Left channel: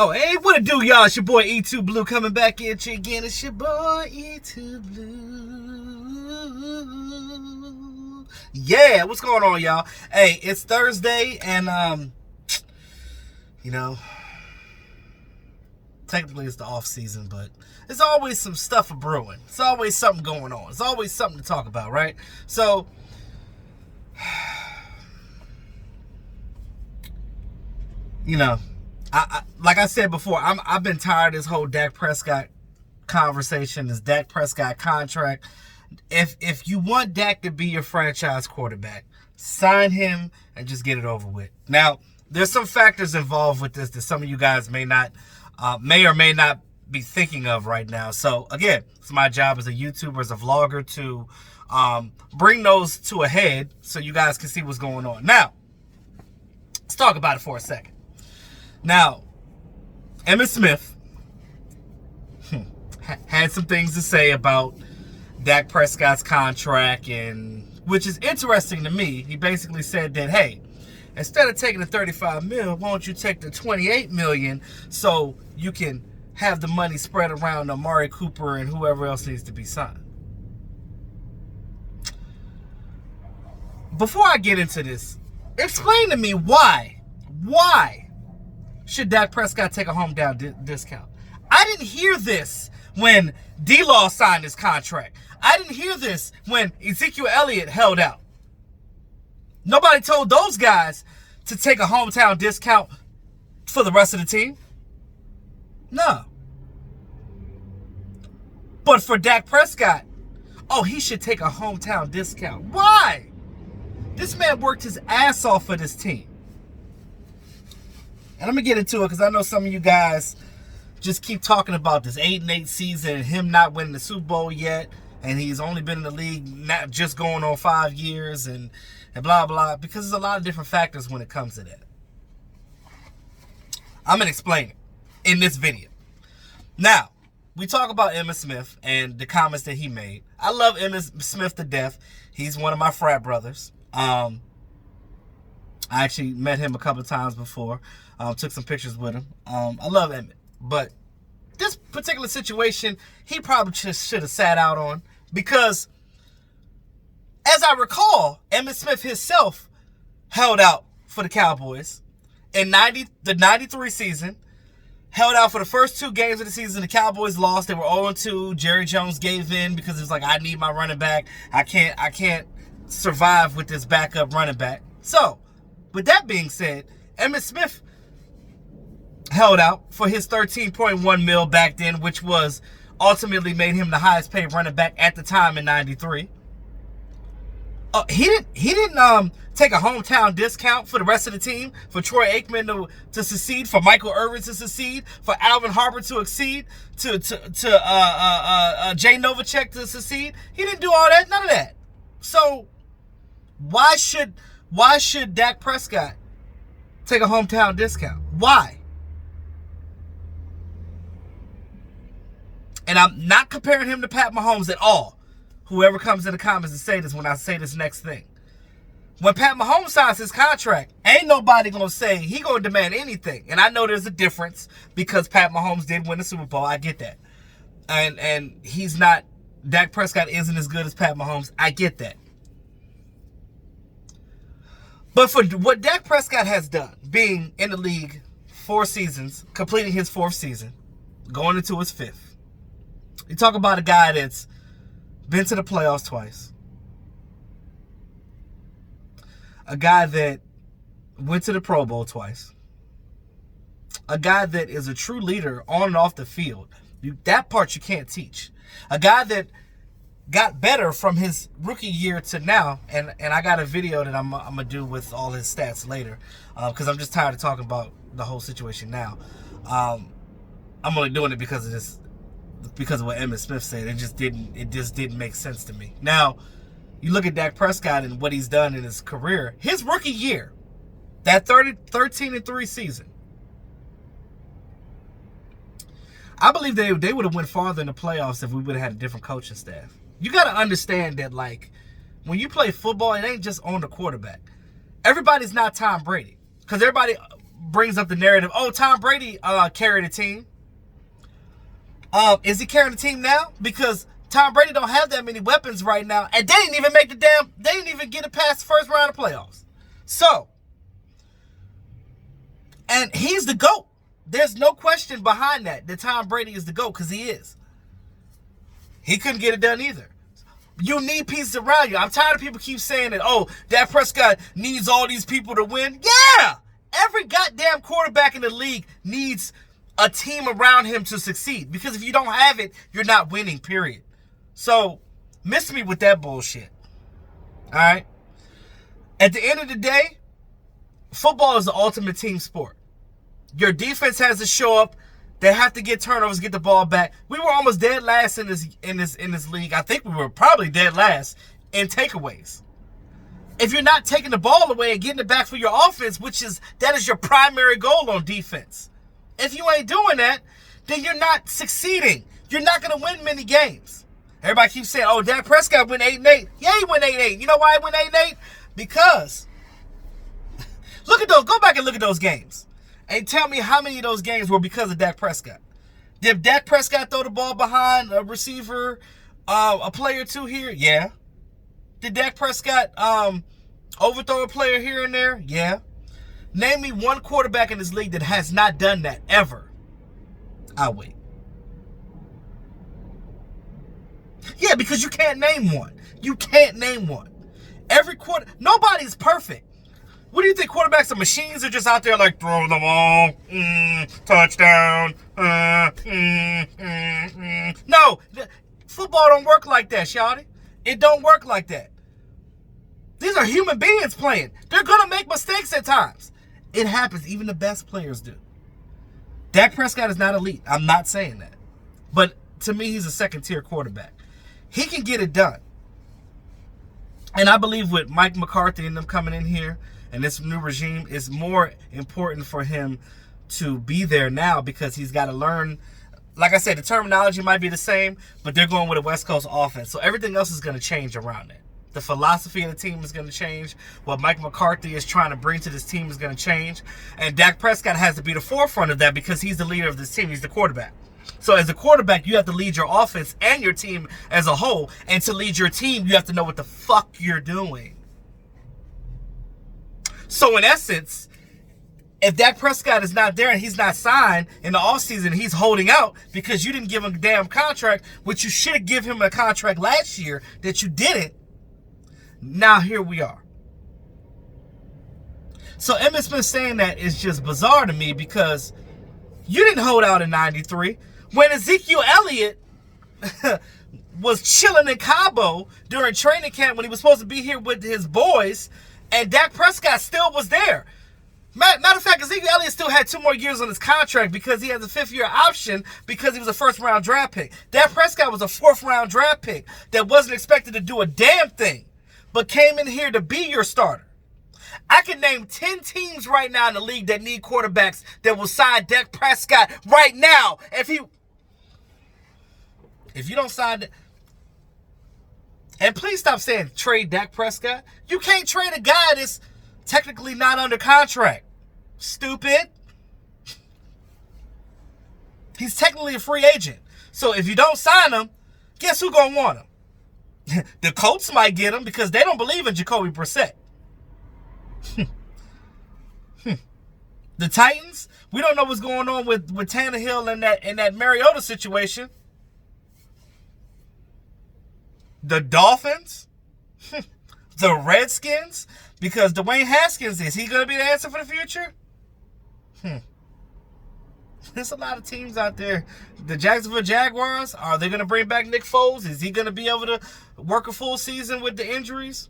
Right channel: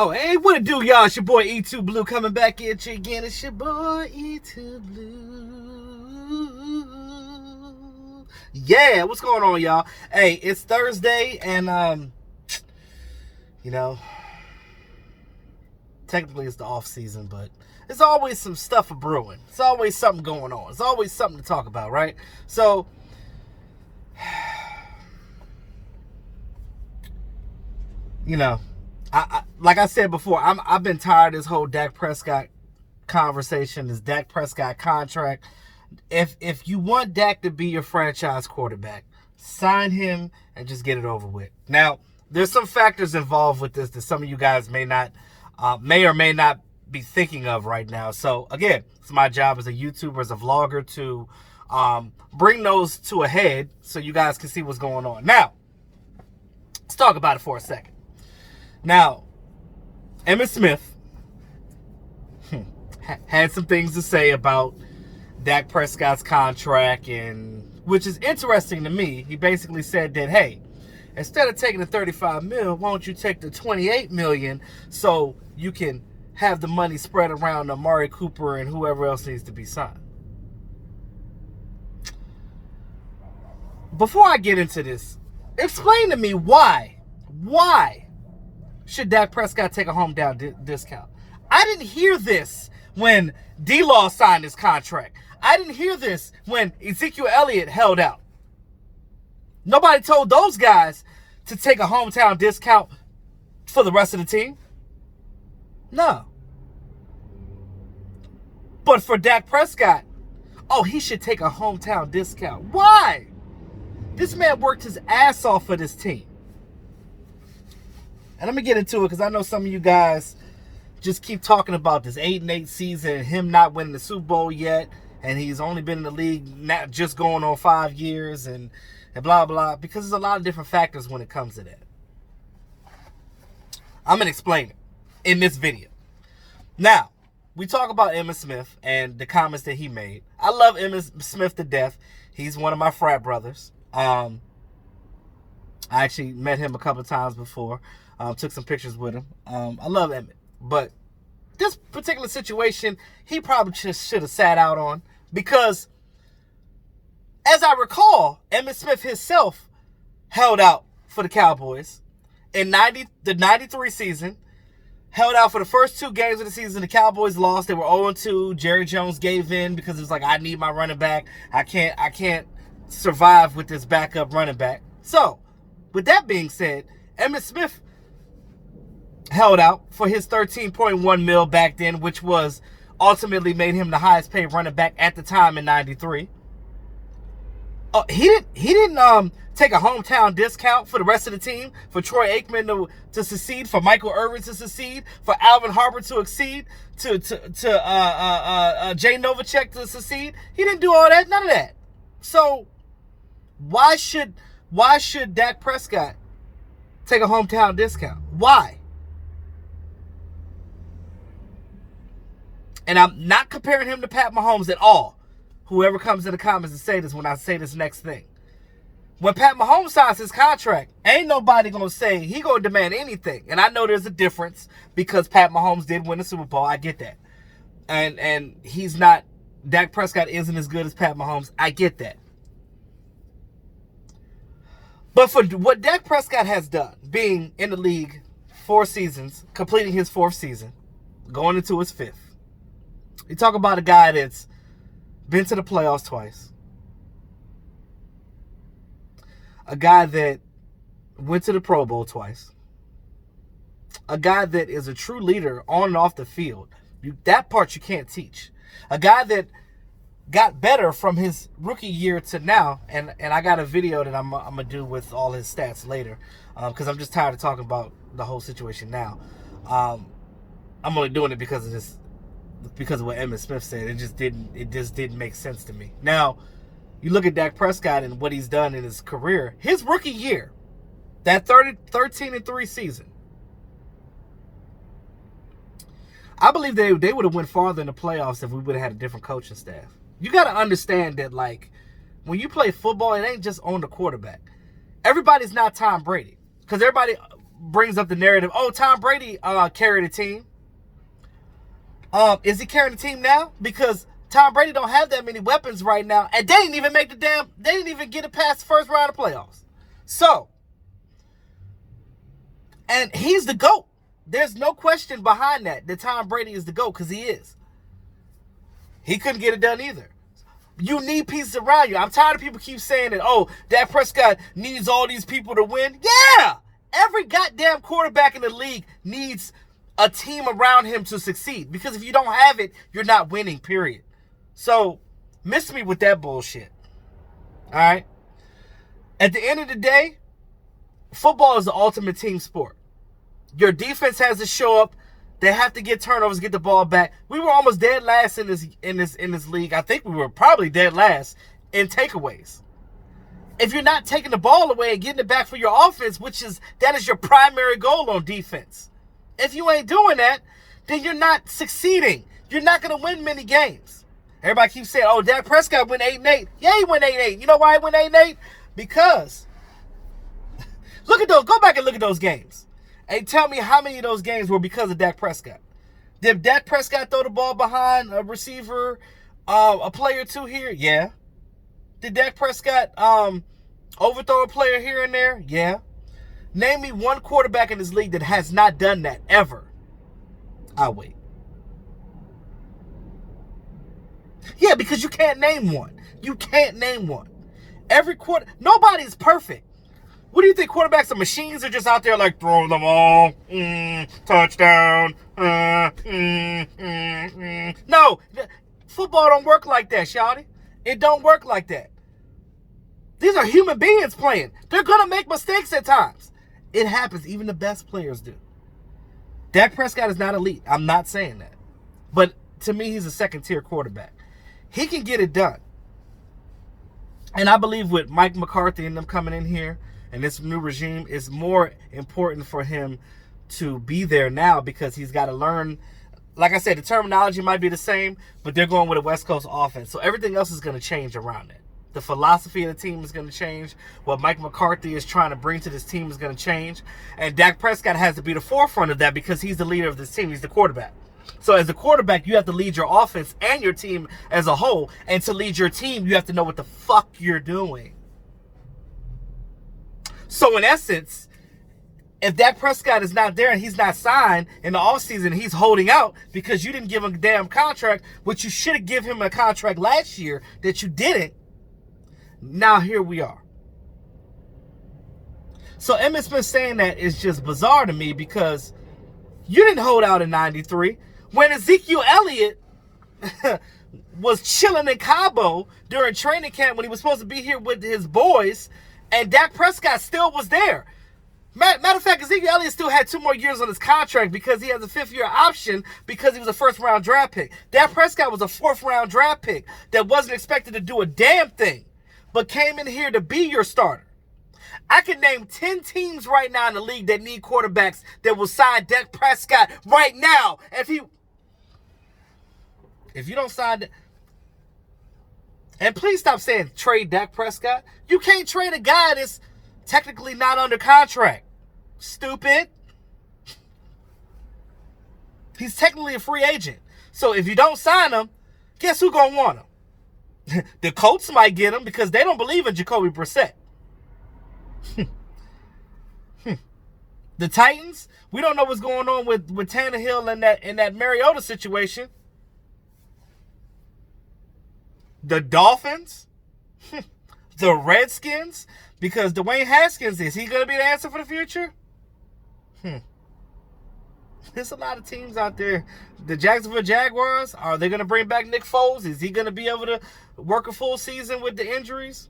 Oh, hey, what it do, y'all? It's your boy E2 Blue coming back at you again. It's your boy E2 Blue. Yeah, what's going on, y'all? Hey, it's Thursday, and technically it's the off season, but there's always some stuff brewing. It's always something going on. It's always something to talk about, right? So, I like I said before, I've been tired of this whole Dak Prescott conversation, this Dak Prescott contract. If you want Dak to be your franchise quarterback, sign him and just get it over with. Now, there's some factors involved with this that some of you guys may or may not be thinking of right now. So again, it's my job as a YouTuber, as a vlogger, to bring those to a head so you guys can see what's going on. Now, let's talk about it for a second. Now, Emmitt Smith had some things to say about Dak Prescott's contract, and which is interesting to me. He basically said that, hey, instead of taking the $35 million, why don't you take the $28 million so you can have the money spread around Amari Cooper and whoever else needs to be signed. Before I get into this, explain to me why should Dak Prescott take a hometown discount? I didn't hear this when D-Law signed his contract. I didn't hear this when Ezekiel Elliott held out. Nobody told those guys to take a hometown discount for the rest of the team. No. But for Dak Prescott, he should take a hometown discount. Why? This man worked his ass off for this team. And I'm going to get into it because I know some of you guys just keep talking about this 8-8 season and him not winning the Super Bowl yet. And he's only been in the league not just going on 5 years and blah, blah. Because there's a lot of different factors when it comes to that. I'm going to explain it in this video. Now, we talk about Emmitt Smith and the comments that he made. I love Emmitt Smith to death. He's one of my frat brothers. I actually met him a couple of times before. Took some pictures with him. I love Emmitt. But this particular situation, he probably just should have sat out on. Because, as I recall, Emmitt Smith himself held out for the Cowboys in the 93 season. Held out for the first 2 games of the season. The Cowboys lost. They were 0-2. Jerry Jones gave in because it was like, I need my running back. I can't survive with this backup running back. So, with that being said, Emmitt Smith held out for his $13.1 million back then, which was ultimately made him the highest paid running back at the time in 93. He didn't take a hometown discount for the rest of the team, for Troy Aikman to succeed, for Michael Irvin to succeed, for Alvin Harper to exceed, to Jay Novacek to succeed. He didn't do all that, none of that. So why should Dak Prescott take a hometown discount? Why? And I'm not comparing him to Pat Mahomes at all. Whoever comes in the comments and say this when I say this next thing. When Pat Mahomes signs his contract, ain't nobody going to say he going to demand anything. And I know there's a difference because Pat Mahomes did win the Super Bowl. I get that. And he's not, Dak Prescott isn't as good as Pat Mahomes. I get that. But for what Dak Prescott has done, being in the league 4 seasons, completing his 4th season, going into his 5th, you talk about a guy that's been to the playoffs twice. A guy that went to the Pro Bowl twice. A guy that is a true leader on and off the field. That part you can't teach. A guy that got better from his rookie year to now. And I got a video that I'm going to do with all his stats later. Because I'm just tired of talking about the whole situation now. I'm only doing it because of what Emmitt Smith said. It just didn't make sense to me. Now, you look at Dak Prescott and what he's done in his career. His rookie year, that 13-3 season, I believe they would have went farther in the playoffs if we would have had a different coaching staff. You got to understand that, like, when you play football, it ain't just on the quarterback. Everybody's not Tom Brady. Because everybody, brings up the narrative, oh, Tom Brady carried a team. Is he carrying the team now? Because Tom Brady don't have that many weapons right now, and they didn't even they didn't even get it past the first round of playoffs. So, and he's the GOAT. There's no question behind that Tom Brady is the GOAT, because he is. He couldn't get it done either. You need pieces around you. I'm tired of people keep saying that, oh, Dak Prescott needs all these people to win. Yeah! Every goddamn quarterback in the league needs a team around him to succeed. Because if you don't have it, you're not winning, period. So, miss me with that bullshit. All right? At the end of the day, football is the ultimate team sport. Your defense has to show up. They have to get turnovers, get the ball back. We were almost dead last in this league. I think we were probably dead last in takeaways. If you're not taking the ball away and getting it back for your offense, that is your primary goal on defense. If you ain't doing that, then you're not succeeding. You're not going to win many games. Everybody keeps saying, oh, Dak Prescott went 8-8. Yeah, he went 8-8. You know why he went 8-8? Because look at those. Go back and look at those games. And tell me how many of those games were because of Dak Prescott. Did Dak Prescott throw the ball behind a receiver, a player or two here? Yeah. Did Dak Prescott overthrow a player here and there? Yeah. Name me one quarterback in this league that has not done that ever. I'll wait. Yeah, because you can't name one. You can't name one. Nobody's perfect. What do you think? Quarterbacks are machines are just out there like, throw the ball, touchdown, No, football don't work like that, shawty. It don't work like that. These are human beings playing. They're going to make mistakes at times. It happens. Even the best players do. Dak Prescott is not elite. I'm not saying that. But to me, he's a second-tier quarterback. He can get it done. And I believe with Mike McCarthy and them coming in here, and this new regime, is more important for him to be there now because he's got to learn. Like I said, the terminology might be the same, but they're going with a West Coast offense. So everything else is going to change around it. The philosophy of the team is going to change. What Mike McCarthy is trying to bring to this team is going to change. And Dak Prescott has to be the forefront of that because he's the leader of this team. He's the quarterback. So as a quarterback, you have to lead your offense and your team as a whole. And to lead your team, you have to know what the fuck you're doing. So in essence, if Dak Prescott is not there and he's not signed in the offseason, he's holding out because you didn't give him a damn contract, which you should have given him a contract last year that you didn't. Now here we are. So Emmitt Smith saying that is just bizarre to me because you didn't hold out in 93. When Ezekiel Elliott was chilling in Cabo during training camp when he was supposed to be here with his boys, and Dak Prescott still was there. Matter of fact, Ezekiel Elliott still had 2 more years on his contract because he has a 5th-year option because he was a first-round draft pick. Dak Prescott was a 4th-round draft pick that wasn't expected to do a damn thing, but came in here to be your starter. I can name 10 teams right now in the league that need quarterbacks that will sign Dak Prescott right now. If you don't sign that. And please stop saying trade Dak Prescott. You can't trade a guy that's technically not under contract. Stupid. He's technically a free agent. So if you don't sign him, guess who's going to want him? The Colts might get him because they don't believe in Jacoby Brissett. The Titans, we don't know what's going on with Tannehill and that Mariota situation. The Dolphins, the Redskins, because Dwayne Haskins, is he going to be the answer for the future? There's a lot of teams out there. The Jacksonville Jaguars, are they going to bring back Nick Foles? Is he going to be able to work a full season with the injuries?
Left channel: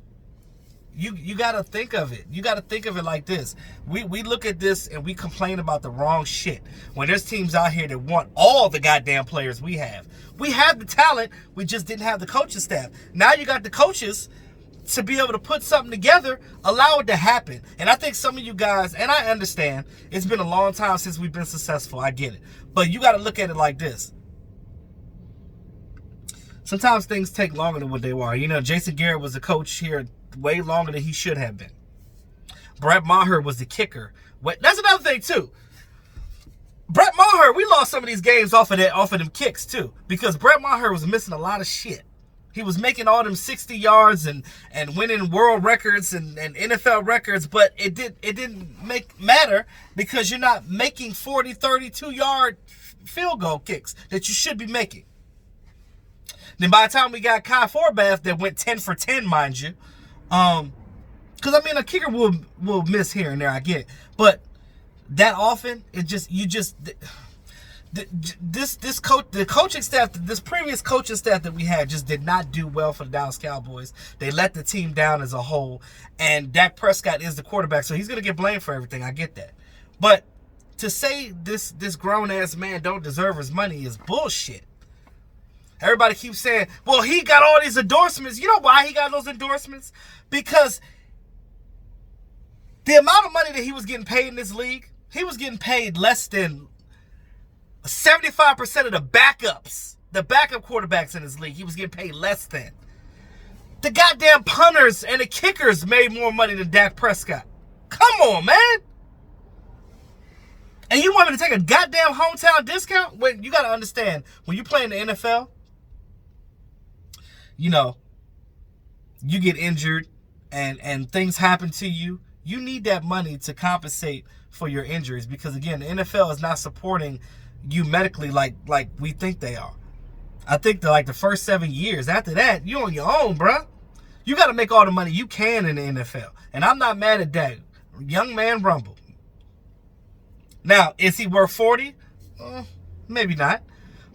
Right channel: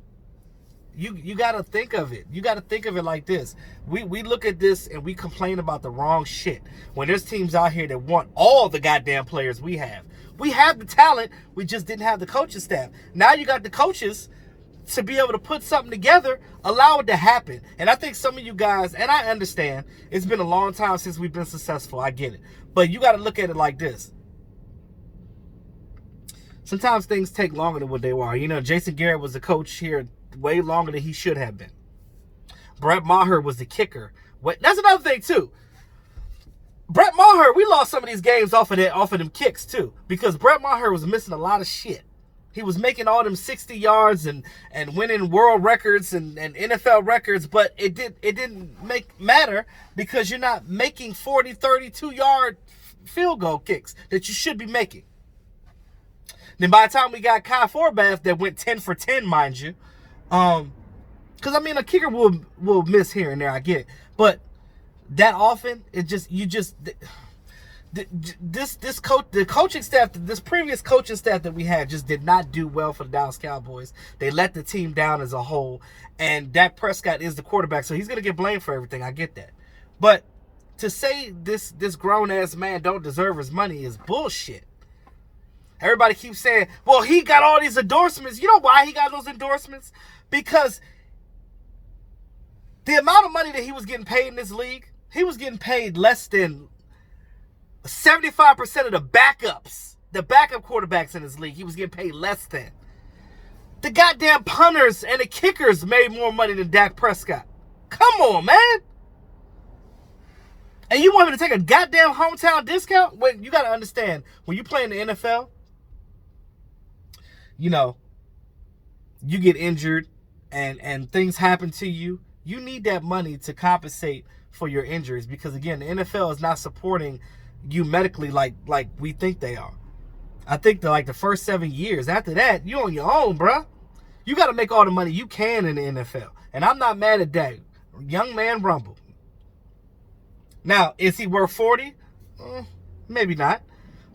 You got to think of it. You got to think of it like this. We look at this and we complain about the wrong shit when there's teams out here that want all the goddamn players we have. We have the talent. We just didn't have the coaching staff. Now you got the coaches to be able to put something together, allow it to happen. And I think some of you guys, and I understand, it's been a long time since we've been successful. I get it. But you got to look at it like this. Sometimes things take longer than what they were. You know, Jason Garrett was a coach here way longer than he should have been. Brett Maher was the kicker. That's another thing too. Brett Maher, we lost some of these games off of them kicks too, because Brett Maher was missing a lot of shit. He was making all them 60 yards and winning world records and NFL records, but it didn't matter because you're not making 40, 32-yard field goal kicks that you should be making. Then by the time we got Kai Forbath that went 10 for 10, mind you, because I mean a kicker will miss here and there, I get it, but that often the coaching staff, this previous coaching staff that we had just did not do well for the Dallas Cowboys. They let the team down as a whole, and Dak Prescott is the quarterback, so he's going to get blamed for everything. I get that. But to say this grown-ass man don't deserve his money is bullshit. Everybody keeps saying, well, he got all these endorsements. You know why he got those endorsements? Because the amount of money that he was getting paid in this league, he was getting paid less than 75% of the backups, the backup quarterbacks in this league, he was getting paid less than. The goddamn punters and the kickers made more money than Dak Prescott. Come on, man. And you want me to take a goddamn hometown discount? When you got to understand, when you play in the NFL, you know, you get injured and things happen to you. You need that money to compensate for your injuries because, again, the NFL is not supporting you medically like we think they are. I think the first 7 years. After that, you on your own, bruh. You got to make all the money you can in the NFL. And I'm not mad at that. Young man rumble. Now, is he worth 40? Maybe not.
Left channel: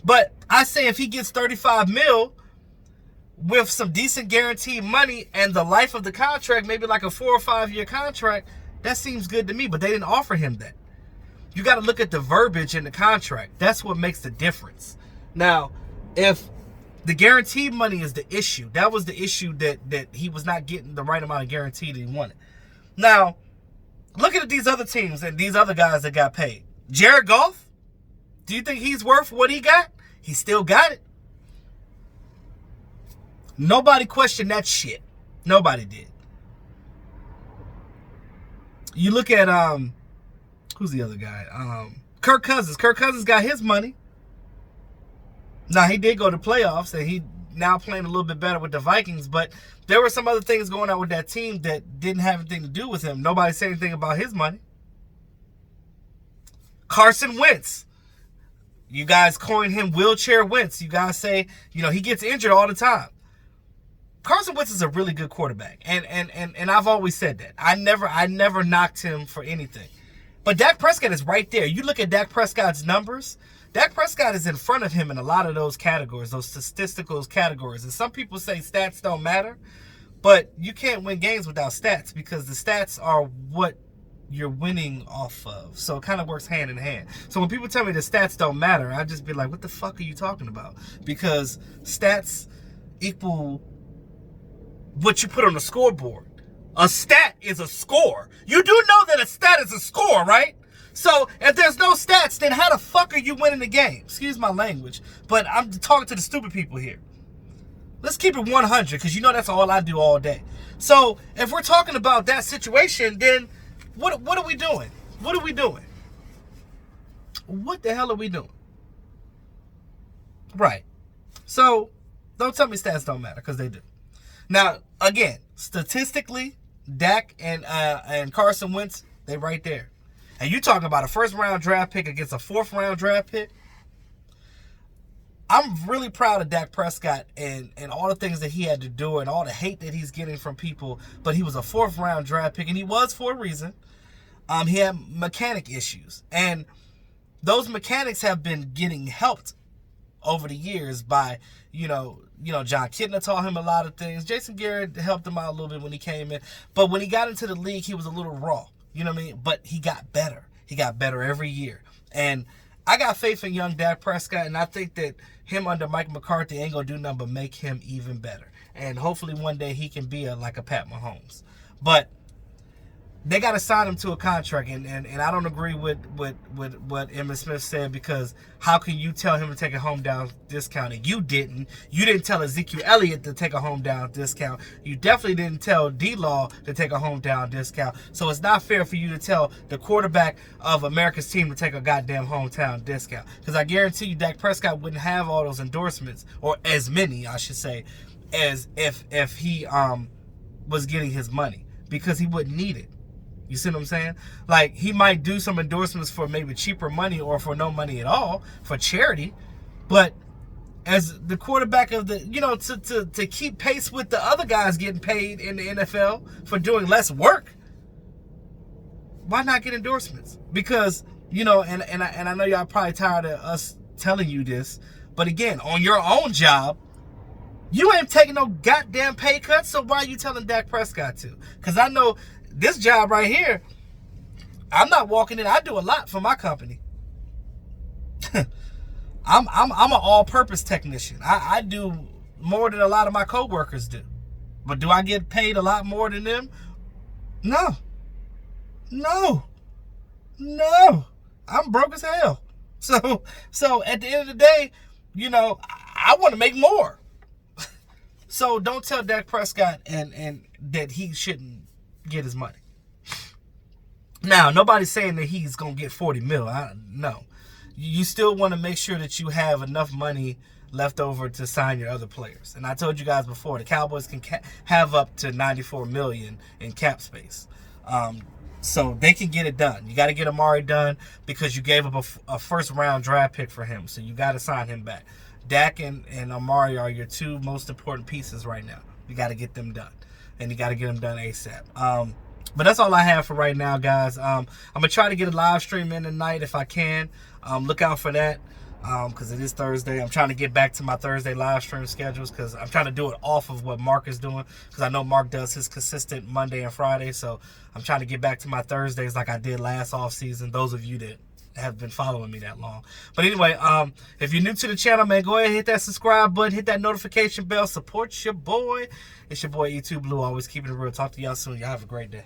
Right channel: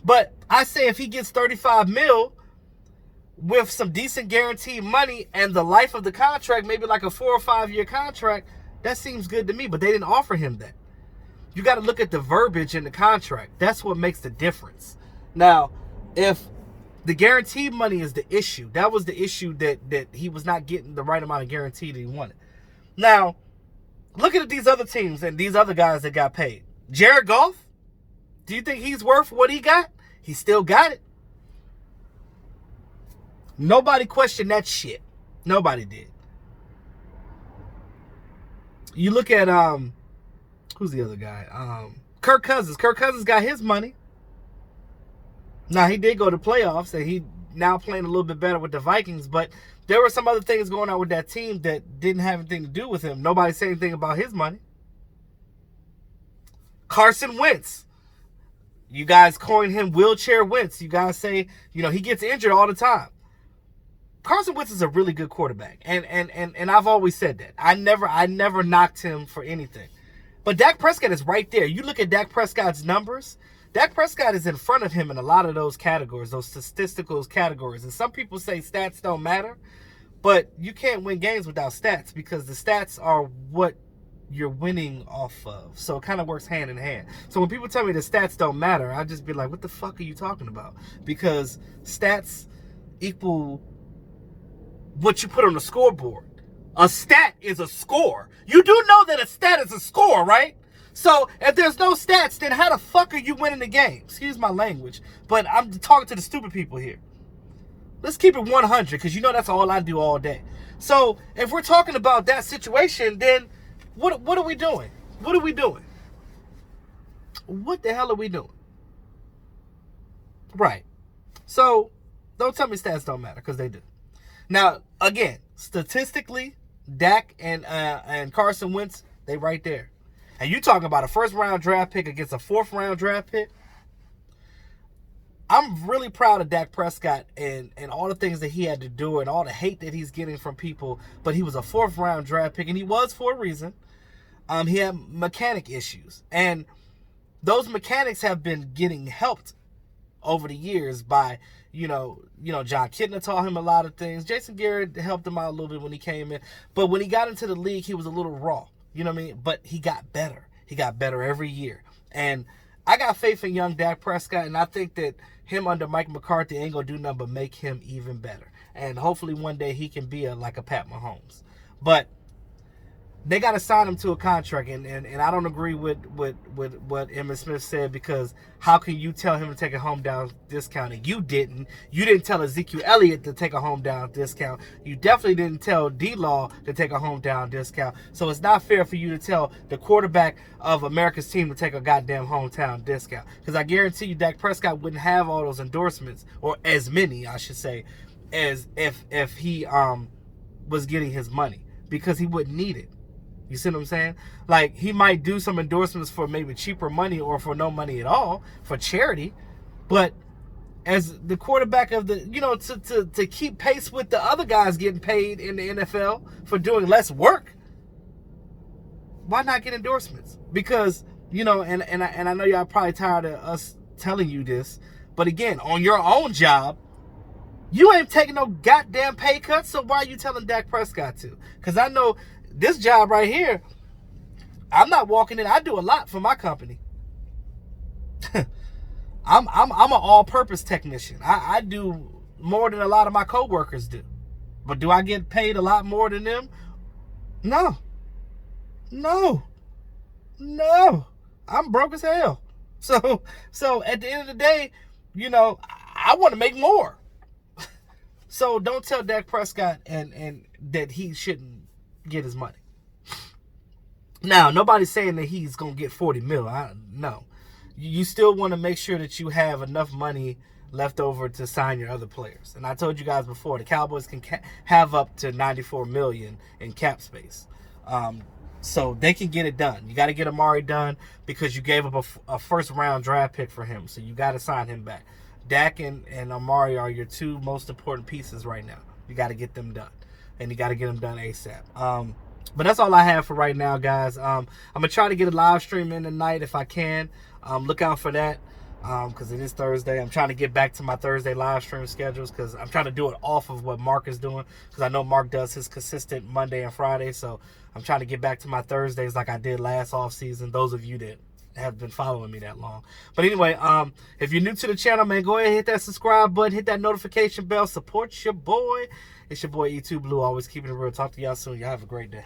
But I say if he gets 35 mil with some decent guaranteed money and the life of the contract, maybe like a 4 or 5 year contract, that seems good to me. But they didn't offer him that. You got to look at the verbiage in the contract. That's what makes the difference. Now, if the guaranteed money is the issue, that was the issue that he was not getting the right amount of guarantee that he wanted. Now, look at these other teams and these other guys that got paid. Jared Goff, do you think he's worth what he got? He still got it. Nobody questioned that shit. Nobody did. You look at who's the other guy? Kirk Cousins. Kirk Cousins got his money. Now, he did go to playoffs, and he now playing a little bit better with the Vikings, but there were some other things going on with that team that didn't have anything to do with him. Nobody said anything about his money. Carson Wentz. You guys coined him Wheelchair Wentz. You guys say, he gets injured all the time. Carson Wentz is a really good quarterback, and I've always said that. I never knocked him for anything. But Dak Prescott is right there. You look at Dak Prescott's numbers. Dak Prescott is in front of him in a lot of those categories, those statistical categories. And some people say stats don't matter, but you can't win games without stats because the stats are what you're winning off of. So it kind of works hand in hand. So when people tell me the stats don't matter, I just be like, what the fuck are you talking about? Because stats equal what you put on the scoreboard. A stat is a score. You do know that a stat is a score, right? So if there's no stats, then how the fuck are you winning the game? Excuse my language, but I'm talking to the stupid people here. Let's keep it 100 because that's all I do all day. So if we're talking about that situation, then what are we doing? What are we doing? What the hell are we doing? Right. So don't tell me stats don't matter because they do. Now, again, statistically, Dak and Carson Wentz, they right there. And you talking about a first-round draft pick against a fourth-round draft pick? I'm really proud of Dak Prescott and all the things that he had to do and all the hate that he's getting from people. But he was a fourth-round draft pick, and he was for a reason. He had mechanic issues. And those mechanics have been getting helped over the years by, John Kitna taught him a lot of things. Jason Garrett helped him out a little bit when he came in. But when he got into the league, he was a little raw. You know what I mean? But he got better. He got better every year. And I got faith in young Dak Prescott, and I think that him under Mike McCarthy ain't going to do nothing but make him even better. And hopefully one day he can be like a Pat Mahomes. But they got to sign him to a contract, and I don't agree with what Emmitt Smith said, because how can you tell him to take a home down discount and you didn't tell Ezekiel Elliott to take a home down discount. You definitely didn't tell D-Law to take a home down discount. So it's not fair for you to tell the quarterback of America's team to take a goddamn hometown discount, because I guarantee you Dak Prescott wouldn't have all those endorsements, or as many I should say, as if he was getting his money, because he wouldn't need it. You see what I'm saying? Like, he might do some endorsements for maybe cheaper money or for no money at all for charity, but as the quarterback of the, to keep pace with the other guys getting paid in the NFL for doing less work, why not get endorsements? Because, and I know y'all probably tired of us telling you this, but again, on your own job, you ain't taking no goddamn pay cuts, so why are you telling Dak Prescott to? Because I know this job right here, I'm not walking in. I do a lot for my company. I'm an all-purpose technician. I do more than a lot of my coworkers do. But do I get paid a lot more than them? No. I'm broke as hell. So at the end of the day, I want to make more. So don't tell Dak Prescott and that he shouldn't get his money. Now, nobody's saying that he's going to get 40 mil. No. You still want to make sure that you have enough money left over to sign your other players. And I told you guys before, the Cowboys can have up to $94 million in cap space. So they can get it done. You got to get Amari done, because you gave up a first-round draft pick for him. So you got to sign him back. Dak and Amari are your two most important pieces right now. You got to get them done. And you got to get them done ASAP. But that's all I have for right now, guys. I'm going to try to get a live stream in tonight if I can. Look out for that, because it is Thursday. I'm trying to get back to my Thursday live stream schedules, because I'm trying to do it off of what Mark is doing, because I know Mark does his consistent Monday and Friday. So I'm trying to get back to my Thursdays like I did last off season, those of you that have been following me that long. But anyway, if you're new to the channel, man, go ahead and hit that subscribe button, hit that notification bell, support your boy. It's your boy E2 Blue, always keeping it real. Talk to y'all soon. Y'all have a great day.